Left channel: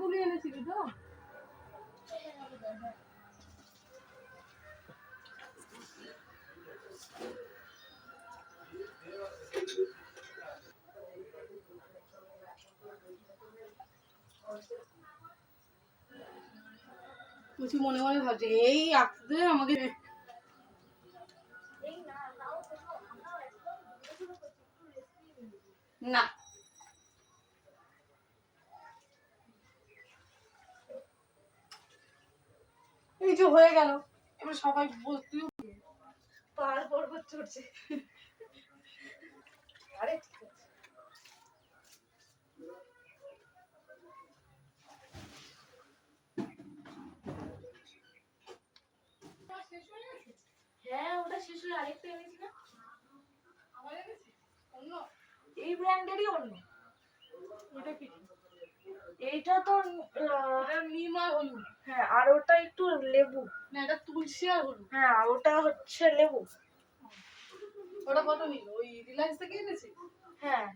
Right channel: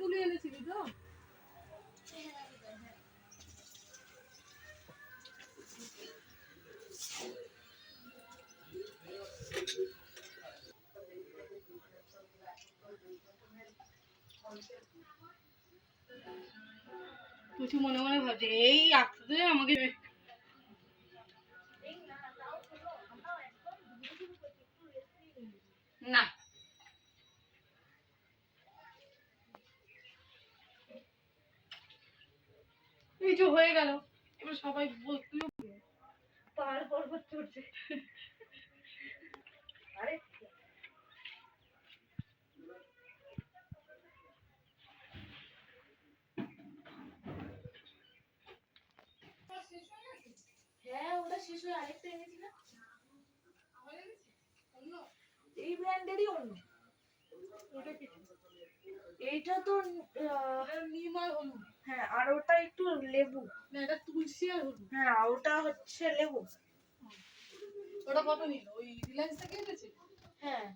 তুলি এনেছিলি তো? কিছু মনে মনে ভাবছে এই আসতে আমাকে না এই যে হয়ে গেল এবার সবাই বলতে পার পর্বত চড়ছে। আরে হ্যাঁ ওটা শেষ হয়ে আরেকটা এনেছি না, আমার এনেছি অন্য এই ব্র্যান্ডেরই অন্য। ওটা কি? এইটা তো নিম আর হলুদ। হ্যাঁ আর ওটা একটু লেবু। না এটা তুলসী আর হলুদ। হ্যাঁ ওটা হচ্ছে লেবু। ওটা কত নিল? ওই রিলায়েন্স থেকে এনেছি। হ্যাঁ